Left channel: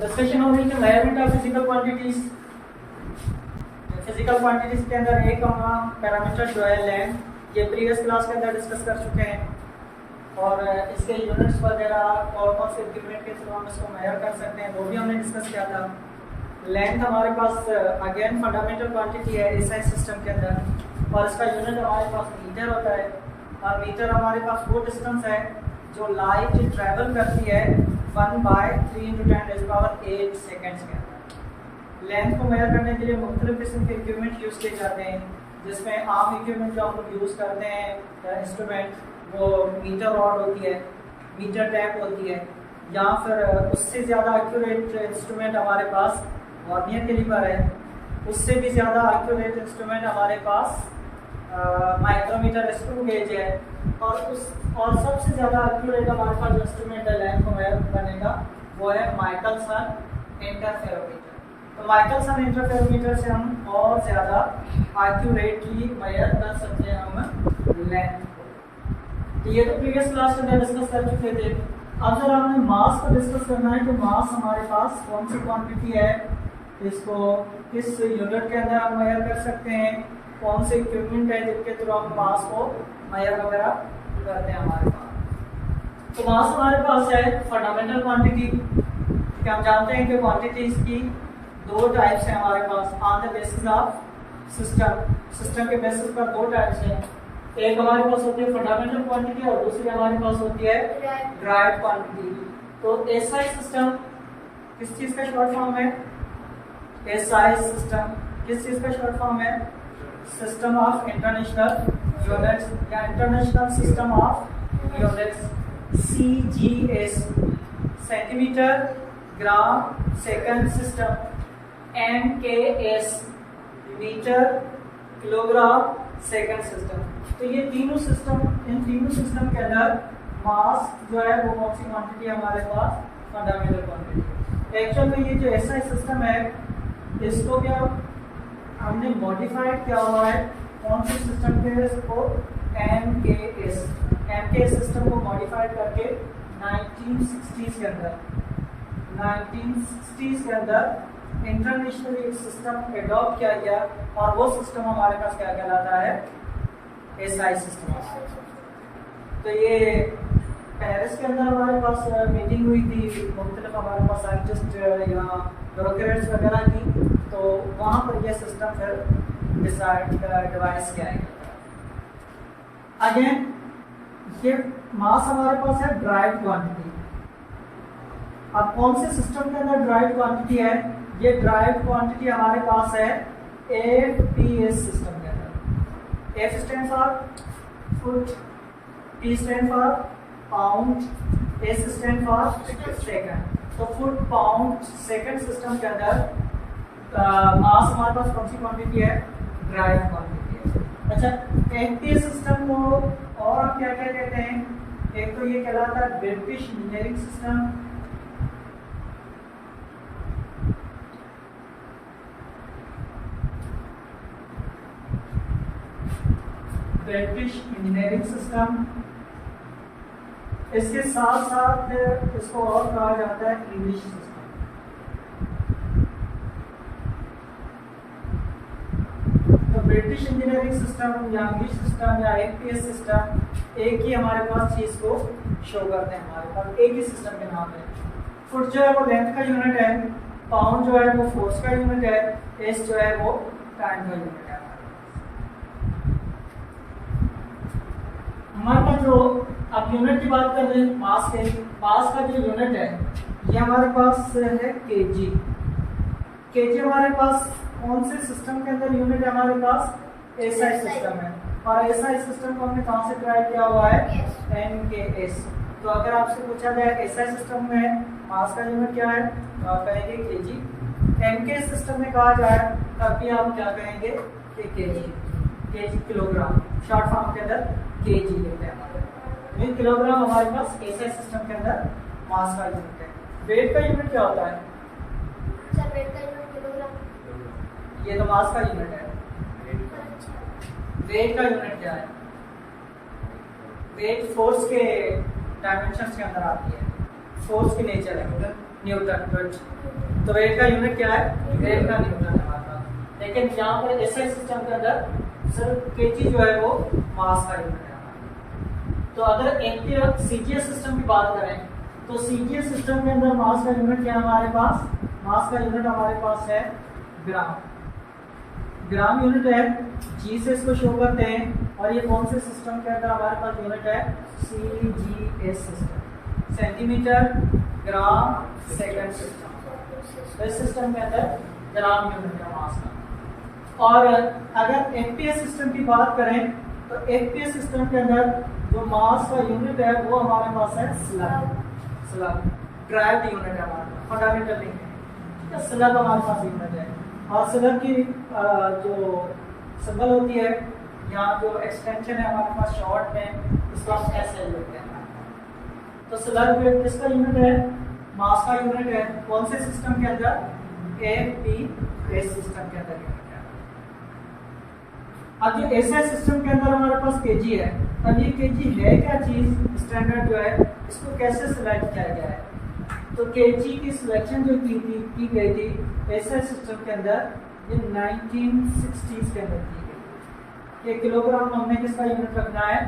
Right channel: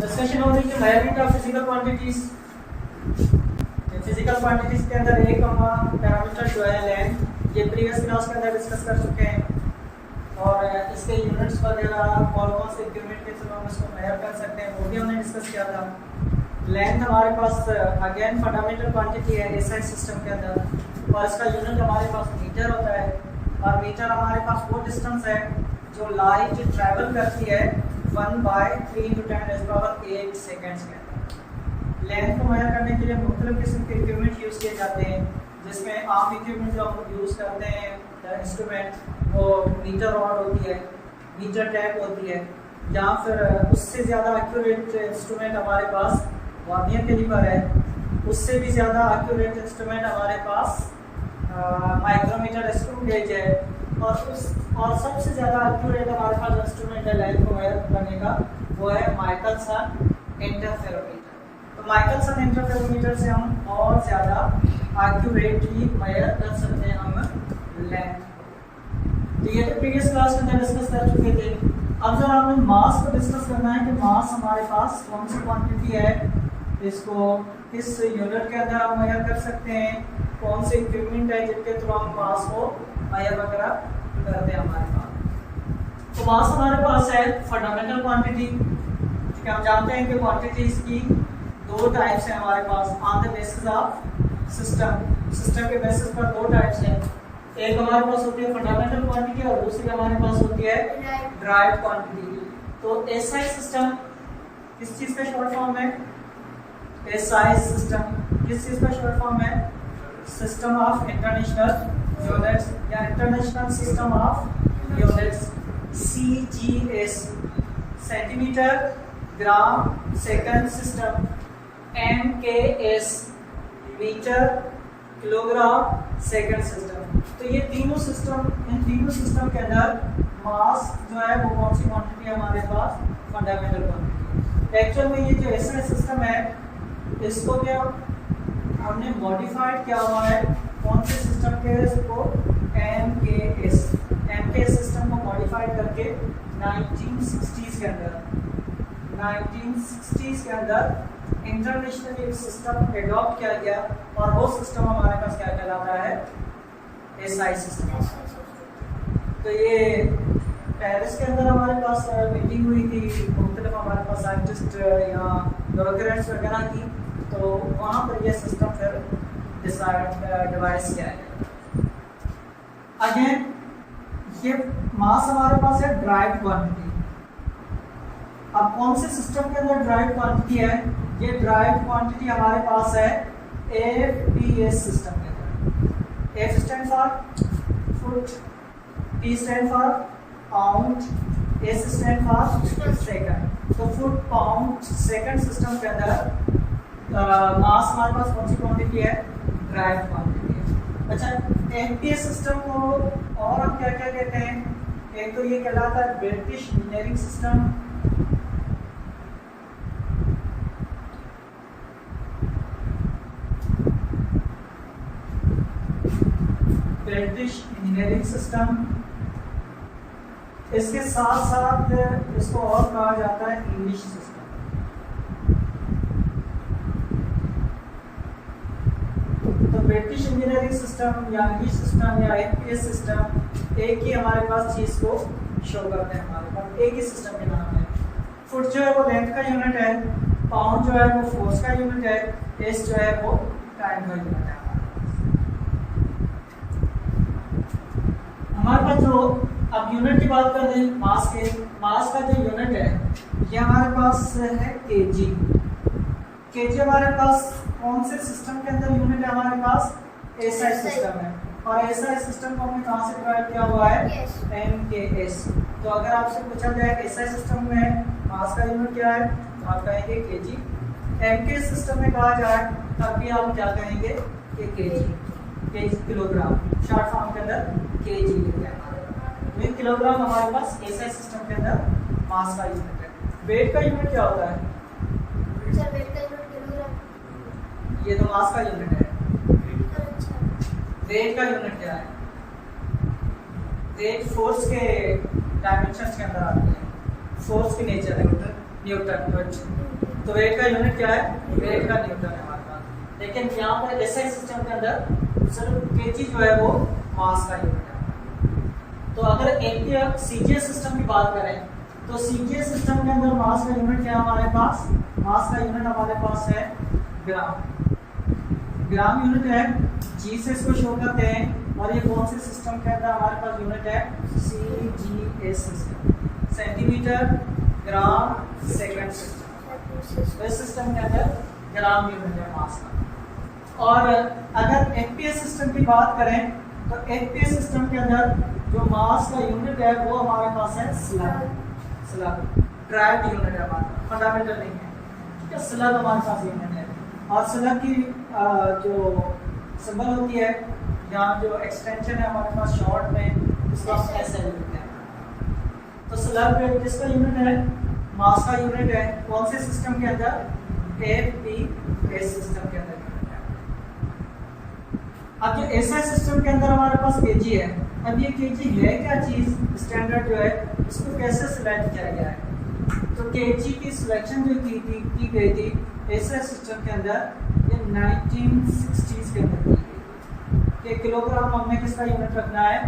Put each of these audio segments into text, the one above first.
Discussion हो रही है measurement of physical quantities. Physical quantities के अंदर एक हम पैरामीटर जो है लेंथ, ये प्रीवियस क्लास के अंदर डिस्कस कर चुके हैं, और इसके यूनिट्स वगैरह कौन से यूनिट के थ्रू हम इसको मेजर कर सकते हैं वो भी हमने डिस्कस किया था। लेंथ हमारे पास अगेन फंडामेंटल क्वांटिटी है एसआई सिस्टम के अंदर, और इसका यूनिट हमारे पास मीटर होता है, और मीटर हमारे पास वो डिस्टेंस है जो लाइट ट्रैवल करती है 1/3 × 10⁸ सेकेंड्स के अंदर। लेंथ को मेजर करने के लिए मुख्तलिफ किस्म के इक्विपमेंट यूज़ किए जाते हैं, जिसमें आम इक्विपमेंट जो हम यूज़ करते हैं इंस्ट्रूमेंट वो मीटर रॉड होती है, मीटर टैप होती है, या फिर उससे ज़्यादा एक्यूरेट इंस्ट्रूमेंट हमारे पास वर्नियर कैलिपर है, उससे भी ज़्यादा एक्यूरेट इंस्ट्रूमेंट हमारे पास माइक्रोमीटर स्क्रू गेज है, और सबसे ज़्यादा एक्यूरेट हमारे पास जो इंस्ट्रूमेंट है लेंथ को मेजर करने का वो है माइकलसन इंटरफेरोमीटर। तो माइकलसन इंटरफेरोमीटर से हम और ज़्यादा एक्यूरेटली मेजर कर सकते हैं हम लेंथ। तो ये तो प्रीवियस क्लास के अंदर डिस्कस कर चुके थे। अब जब आपने मास को डिस्कस करना है कि मास हमारे पास कौन सी क्वांटिटी है, इसको किस यूनिट के अंदर हम मेजर कर सकते हैं, कौन से इक्विपमेंट है जिनके थ्रू हम मास को मेजर वगैरह करते हैं हमारे पास। तो मास हमारे पास है फंडामेंटल क्वांटिटी, कि हम जानते हैं कि क्वांटिटीज की दो टाइप्स हैं हमारे pass on the basis of system के बेसिस पर दो टाइप्स हैं। एक हमारे पास होती है फंडामेंटल क्वांटिटी और दूसरी हमारे पास होती है ड्राइव क्वांटिटी। तो एसआई सिस्टम किस चीज़ का शॉर्ट फॉर्म है? एसआई सिस्टम किस चीज़ का शॉर्ट फॉर्म है? सिस्टम ऑफ इंटरनेशनल यूनिट्स या international system of units, CGS, centimetre gram second system, MKS, metre kilogram second system. तो ये तीनों सिस्टम, इन तीनों सिस्टम के अंदर मास जो है वो कौन सी क्वांटिटी है हमारे पास? Fundamental quantity. एक्चुअल में ये जो एसआई सिस्टम है इसको भी हमने मॉडिफाइड किया हुआ है, कौन से सिस्टम के इसको? एमकेएस सिस्टम को मॉडिफाइड करके 1960s के अंदर इंटरनेशनली एक सिस्टम एडॉप्ट किया गया, और वो सिस्टम हमारे पास क्या कहलाता है? SI system. तो ये पेरिस के अंदर हमारे पास मीटिंग हुई थी, मुख्तलिफ हमारे पास साइंटिस्ट या ब्यूरोक्रेट्स वगैरह की, तो वहाँ पर यह सिस्टम फिर डिवाइस किया गया। अगेन ये मास हमारे पास है ड्राइव क्वांटिटी। अब कौन से सिस्टम के अंदर ड्राइव क्वांटिटी है? ये ड्राइव क्वांटिटी हमारे पास है एफपीएस सिस्टम के अंदर। F stand for foot, T stand for pound, S stand for second. तो फुट पाउंड सेकंड सिस्टम के अंदर मास हमारे पास कौन सी क्वांटिटी है? ड्राइव क्वांटिटी है। अच्छा, एफपीएस सिस्टम को और आप क्या क्या कहते हैं? एक तो ये कहलाता है British engineering system, British engineering system. इसके साथ साथ इसको और कहा जाता है इंग्लिश सिस्टम। तो ब्रिटिश इंजीनियरिंग सिस्टम या इंग्लिश सिस्टम या एफपीएस सिस्टम एक ही हमारे पास चीज़ को शो करते हैं, हमारे पास एक ही सिस्टम के नाम है। फुट जो है वो लेंथ का यूनिट है, पाउंड जो है वो फोर्स का यूनिट है, एस जो है वो टाइम का यूनिट है। हमारे पास जो, अब यूनिट की बात कर रहे मास के, मास का जो यूनिट है ये हमारे पास है केजी। केजी हमारे पास कौन से सिस्टम के अंदर यूनिट है? हमारे पास एसआई सिस्टम है, और एसआई सिस्टम को हमने कहाँ से ड्राइव किया हुआ है? एमकेएस। तो अगर आपसे पूछा जाए एसआई सिस्टम में मास का यूनिट क्या है, तो आप कहेंगे केजी। एमकेएस सिस्टम में कहा जाए तब भी आप क्या कहेंगे? केजी, किलोग्राम, शॉर्ट फॉर्म के अंदर केजी लेते हैं। किलोग्राम हमारे पास एसआई सिस्टम के अंदर मास का यूनिट है। वेट का यूनिट क्या होता है? सर वेट का यूनिट किलोग्राम। ये तो मास का यूनिट है। वेट का यूनिट क्या है? वेट फोर्स के डायमेंशंस के अंदर आती है, फोर्स की नेचर है। न्यूटन। गुड। तो वेट का यूनिट क्या है? वेट का न्यूटन है हमारे पास। लेकिन यहाँ पर एसआई सिस्टम के अंदर सिर्फ केजी जो है वो मास का यूनिट है। तो अगर एक सीजीएस सिस्टम की बात करें तो सीजीएस सिस्टम के अंदर मास का यूनिट क्या है हमारे पास? मास का यूनिट हमारे पास है ग्राम। ग्राम यूनिट है, जी से इसको शो करते हैं। और ये कौन से सिस्टम के अंदर हमारे पास यूनिट है? CGS system, centimetre gram second system. इस सिस्टम के अंदर ग्राम यूनिट है मास का। और अगर एफपीएस सिस्टम की बात करें तो एफपीएस सिस्टम के अंदर जो मास का यूनिट है वो हमारे पास है स्लग। स्लग ड्राइव्ड यूनिट है हमारे पास, फंडामेंटल नहीं है, ठीक है। स्लग हमारे पास यूनिट है। और स्लग की जो सिंबल होती है, यहाँ जो एक्सटेंशन है हमारे पास शॉर्ट में, इसका एसएल लिखते हैं। तो स्लग किसका यूनिट है? मास का यूनिट है। कौन से सिस्टम के अंदर? एफपीएस सिस्टम के अंदर। अब जो एसआई सिस्टम के अंदर हमारे पास केजी है, अब ये केजी है क्या चीज? स्टैंडर्ड जो है इसको कैसे सिलेक्ट किया गया है? तो केजी की सिलेक्शन जो की गई थी एसआई सिस्टम के अंदर, ये 1960s के अंदर की गई। ये किलोग्राम हमने किसका यूनिट रखना है?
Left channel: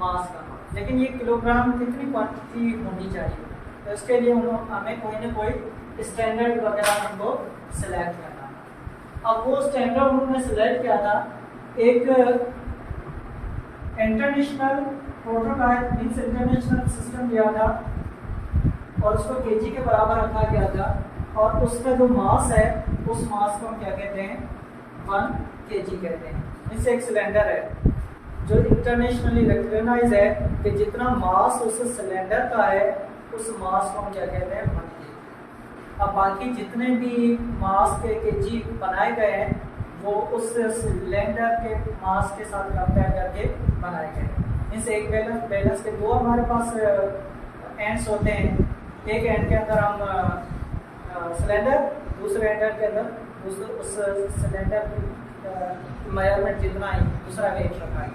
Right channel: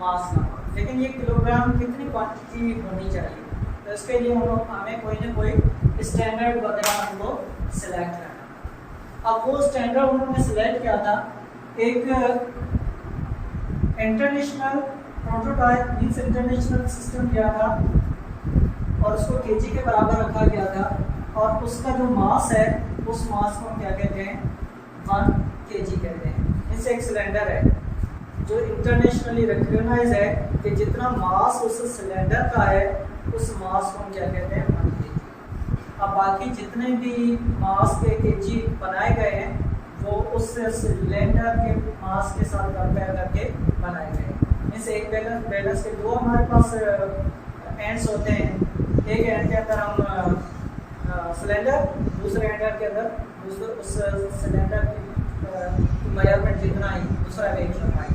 मास का। लेकिन ये किलोग्राम कितनी क्वांटिटी होनी चाहिए? तो इसके लिए हमें कोई ना कोई स्टैंडर्ड वगैरह हमको सिलेक्ट करना। अब वो स्टैंडर्ड उन्होंने सिलेक्ट किया था, एक international prototype means international system लिया था और उसको केजी के बराबर रखा गया था। और उसका जो मास है उस मास को हम क्या कहते हैं? 1 केजी कहते हैं। इससे एक सिलेंडर है जो इंटरनेशनली रिकॉग्नाइज है कि जितना मास उस सिलेंडर का है उस मास को हम क्या कहते हैं? 1 केजी। अब बाकी जितने भी मास के केजी बनाए गए हैं वो उस सिलेंडर के मास के साथ कंपेयर करके बनाए गए। इस एक बैलेंस के दो हमारे पास एंड्स होते हैं। एक एंड के अंदर हम सिलेंडर, दूसरे एंड के अंदर उस सिलेंडर की मेजरमेंट जितना ही दूसरा का एक रखा है।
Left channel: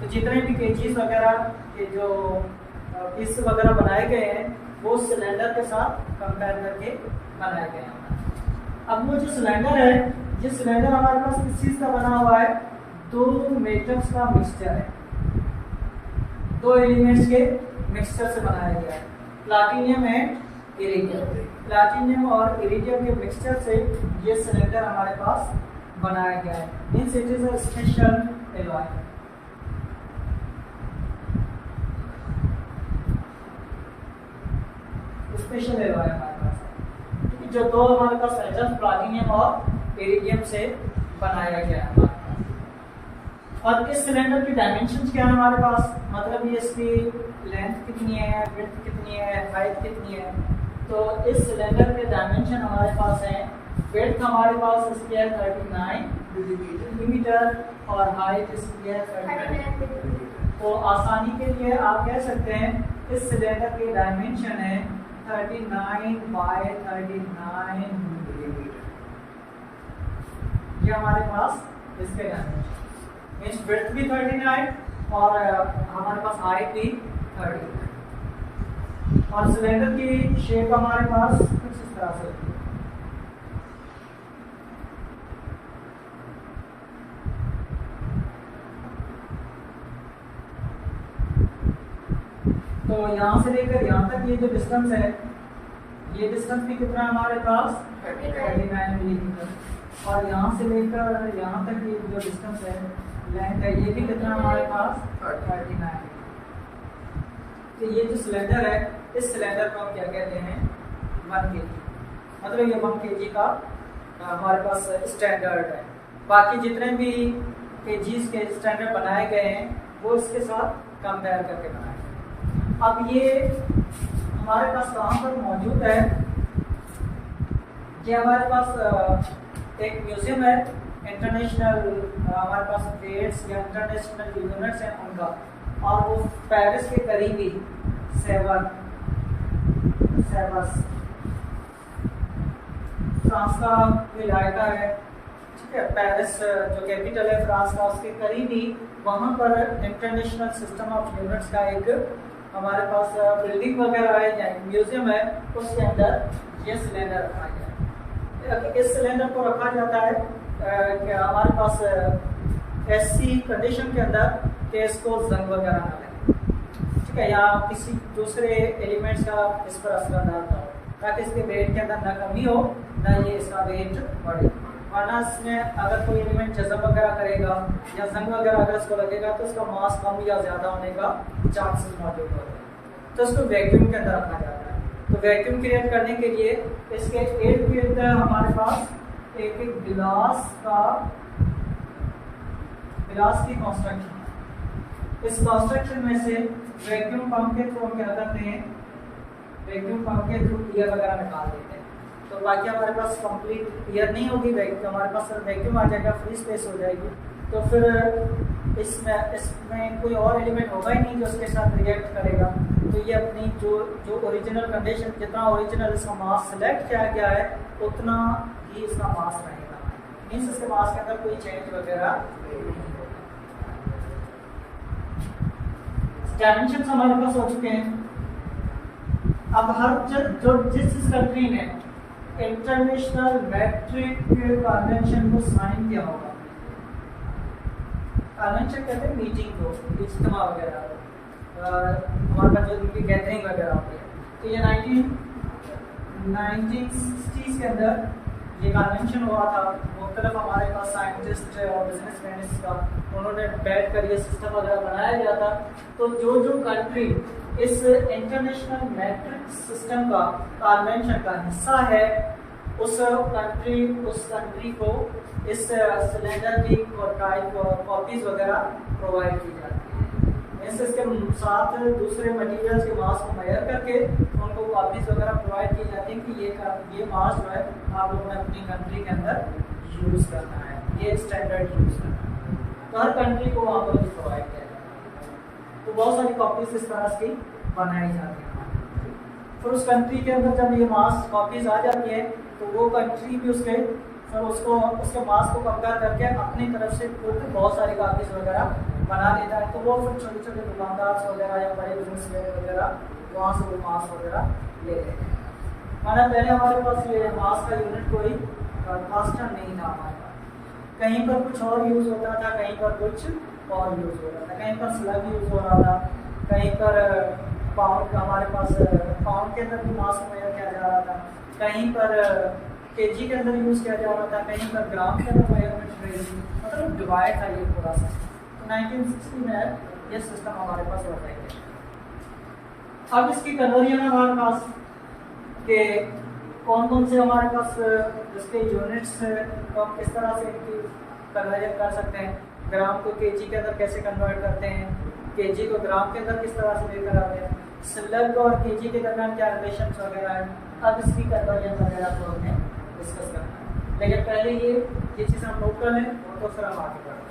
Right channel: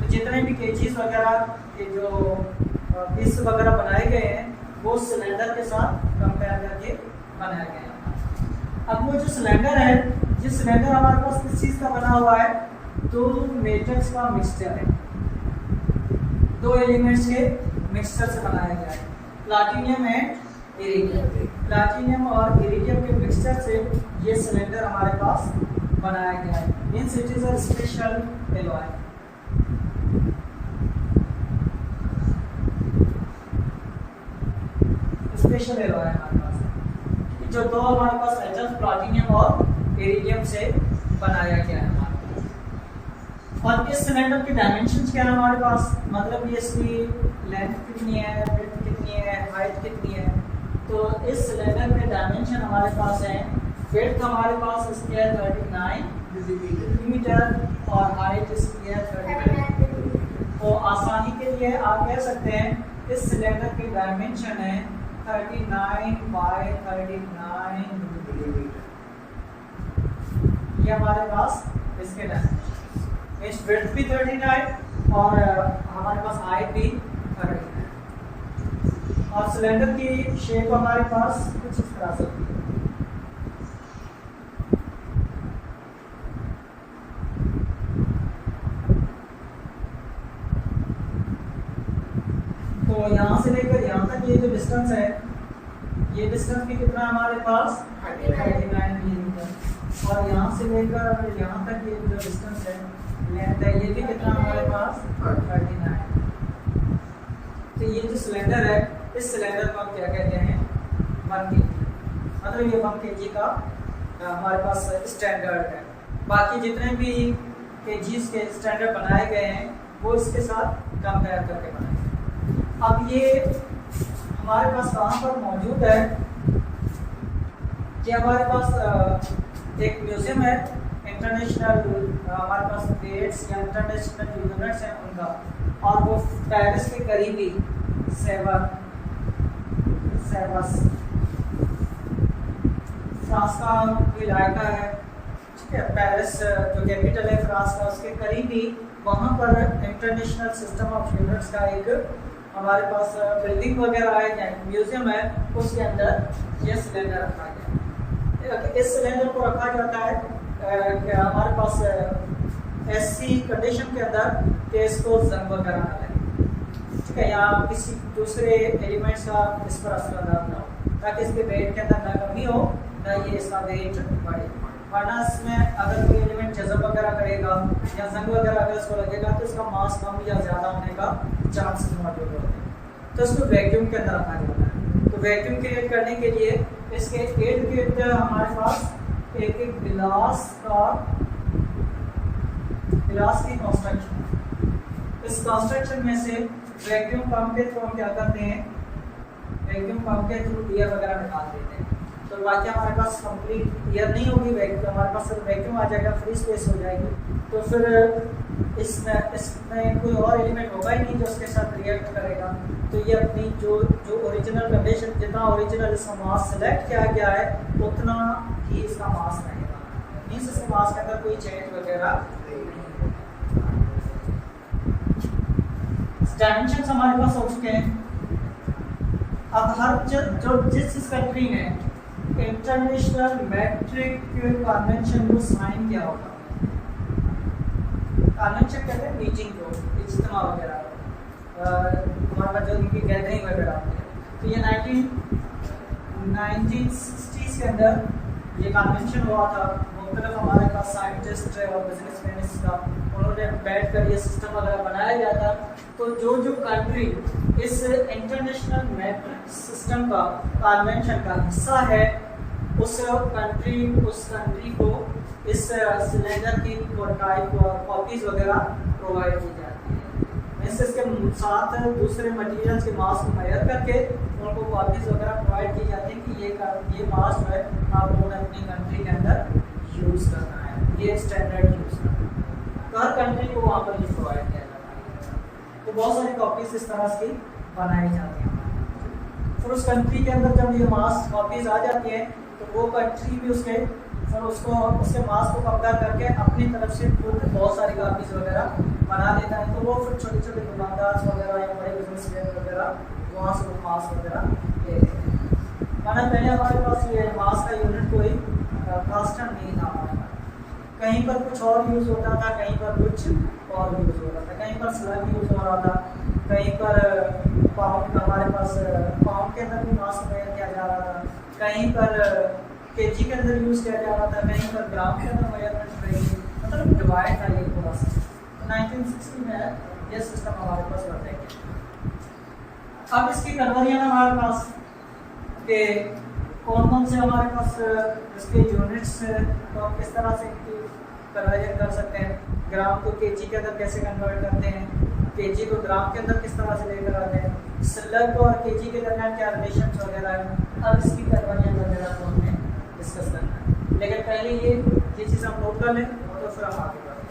तो जितने भी केजीज वगैरह के जो पीस वगैरह बनाए गए हैं वो सिलेंडर के साथ कंपेयर करके बनाए गए हैं। अब वो जो सिलेंडर है, ये सिलेंडर हमारे पास किस चीज़ का बना हुआ है? 2 मेटल्स का मिक्सचर है, 2 एलिमेंट्स के मिक्सचर से बनाया गया है, प्लाटिनियम एंड इरिडियम। प्लाटिनियम और इरिडियम के मिक्सचर से ये सिलेंडर हमारे पास बनाया गया है। Means it is a special alloy. Special alloy हमारे पास, जो 2 हमारे पास मेटल्स प्लाटिनियम और इरिडियम से बनाया गया है। और इस सिलेंडर की डायमेंशंस क्या है हमारे पास? मतलब ये इसकी लेंथ कितनी है, विड्थ कितनी है, हाइट कितनी है? तो इस सिलेंडर के डायमेंशन हमारे पास है, विड्थ हमारे पास इसकी है 39 मिलीमीटर और हाइट इसकी है 39। तो आसानी के लिए आप कह सकते हैं इस सिलेंडर की डायमेंशन है 39 बाय 39 मिलीमीटर। ये हमारे पास इसके डायमेंशन, मींस विड्थ भी 39 और हमारे पास हाइट भी 39। और सिलेंडर की शेप हमारे पास कुछ इस तरह से होती है। तो यहाँ से लेकर यहाँ तक ये जो डिस्टेंस है, ये डिस्टेंस भी कितना है हमारे पास? 39 मिलीमीटर। और यहाँ से लेकर यहाँ तक ये जो डिस्टेंस है, लेंथ है, ये भी कितना हमारे पास? 39। तो ये जो सिलेंडर है, इस सिलेंडर को हम क्या कहते हैं? 1 केजी। मतलब ये 1 केजी का हमारे पास स्टैंडर्ड है। बाकी जितने भी केजीज के स्टैंडर्ड बनाए गए हैं वो इसके साथ कंपेयर करके बनाए। अब ये हमारे पास कहाँ पर मौजूद है कि हमारे पास एक म्यूजियम है इंटरनेशनल, हमारे पास डेट्स या इंटरनेशनल यूनिट्स हैं उनका, और वो पेरिस के करीबी सेवस फ्रांस का इलाका है, ठीक है। पेरिस जो कैपिटल है फ्रांस का, उसके करीबी वहाँ पर इंटरनेशनल सिस्टम ऑफ यूनिट्स का एक हमारे पास बिल्डिंग वगैरह है यानी म्यूजियम है, उसके अंदर ये सिलेंडर रखा गया है। इस सिलेंडर को रखा जाता है कि हमारे पास ऐसी कंडीशन के अंदर कि इसको जंग वगैरह ना लगे, ठीक है, या किसी दूसरे एलिमेंट्स का इस पर असर ना हो, ताकि इसके वेट के अंदर ना कमी हो ना ये इसका वेट बढ़े। वरना इसमें अगर कोई एलिमेंट जज़ब वगैरह करेगा या जंग वगैरह अगर इसको लगेगा तो इसका मास कम या ज़्यादा होने का चांसेस मौजूद होते हैं। तो इसको वैक्यूम के अंदर रखा जाता है। तो वैक्यूम क्रिएट करने के लिए इसके इर्द गिर्द हमारे पास एक एक गिलास की कंस्ट्रक्शन है। इस कंस्ट्रक्शन में से वैक्यूम पंप के थ्रू हम क्या करते हैं, वैक्यूम पंप के थ्रू एयर वगैरह निकाल देते हैं। तो बाकी हमारे पास कंप्लीट एयर नहीं होगी, हमारे पास सिर्फ वैक्यूम आ जाएगा, फ्री स्पेस हो जाएगी। तो फिर इसमें कोई और एलिमेंट होगा ही नहीं जो उसके साथ रिएक्ट करेगा। तो ये अपनी जो ओरिजिनल कंडीशन, जितना ओरिजिनल इसका मास सेलेक्ट किया गया है उतना ही इसका मास रहेगा, मीन्स इसके मास के अंदर कोई चेंज वगैरह नहीं। डायमेंशन हमारे पास हो चुके हैं। अब जिस कंट्री ने इंटरनेशनल मैट्रिक कन्वेंशन को साइन किया होगा, कन्वेंशन कहते हैं मीटिंग को, इज्तिमा वगैरह, हमारे पास जो इनकी गैदरिंग वगैरह होती है, तो ये 1960s के अंदर ये कन्वेंशन हुआ था। मुख्तलिफ हमारे पास साइंटिस्ट और बिजनेसमैन का उन्होंने बैठ कर ये सिस्टम वगैरह बनाया गया था। तो जो कंट्री इस इंटरनेशनल मैट्रिक सिस्टम का कन्वेंशन का हिस्सा है उस कंट्री को इस सिलेंडर की कॉपीज वगैरह प्रोवाइड की जाती है। इसके साथ दूसरे मटेरियल्स के मास को मेजर करके उनको कॉपीज वगैरह प्रोवाइड की जाती है कि ये मास जो है आप लोगों ने अपनी कंट्री के अंदर यूज़ करना है, ये स्टैंडर्ड यूज़ करना है। तो हर कंट्री को वहाँ पर ये प्रोवाइड किया जाता है। तो बहुत सारी कॉपीज इस तरह की बनाई जाती हैं। फिर उस कंट्री के अंदर जब ये मास कॉपीज आ जाती हैं तो वो कंट्री भी उसके मास को कंपेयर करके अपनी तरफ से खुद बहुत सारी कॉपीज वगैरह बना देता है। तो वो फिर छोटे छोटे दुकानदार वगैरह या बड़े बिजनेसमैन वगैरह वहाँ से वो मास वगैरह ले लेते हैं। माना पहले हमारे पास ये मास का यूनिट कोई कास्टर नहीं था हमारे पास, कहीं पर कुछ और यूज़ होता था, कहीं पर कुछ और यूज़ होता था, कहीं पर स्लग यूज़ हो रहा था, कहीं पर पाउंड, हमारे पास पाउंड के अंदर भी मास मेजर किया जा रहा था, कहीं पर केजी के अंदर यूज़ किया जा रहा था, कहीं पर ग्राम के अंदर मेजरमेंट, मतलब डिवाइड था ये पूरा सा। तो 1960 में ये सिस्टम हमारे पास रखा गया। अब इसकी कन्वर्जन हमारे पास के कौन से हमारे पास इसके यूनिट्स को हम किस तरह से कन्वर्जन कर सकते हैं, ग्राम को केजी के अंदर कैसे कन्वर्ट करते हैं, केजी को ग्राम के अंदर किस तरह से लेकर आते हैं, स्लग और केजी के दरमियान क्या रिलेशन वगैरह है। अब इसकी कन्वर्जन वगैरह को हमने डिस्कस करना है, लेकिन पहले ये चीज़ हम नोट कर लें तो फिर हम आगे बढ़ें।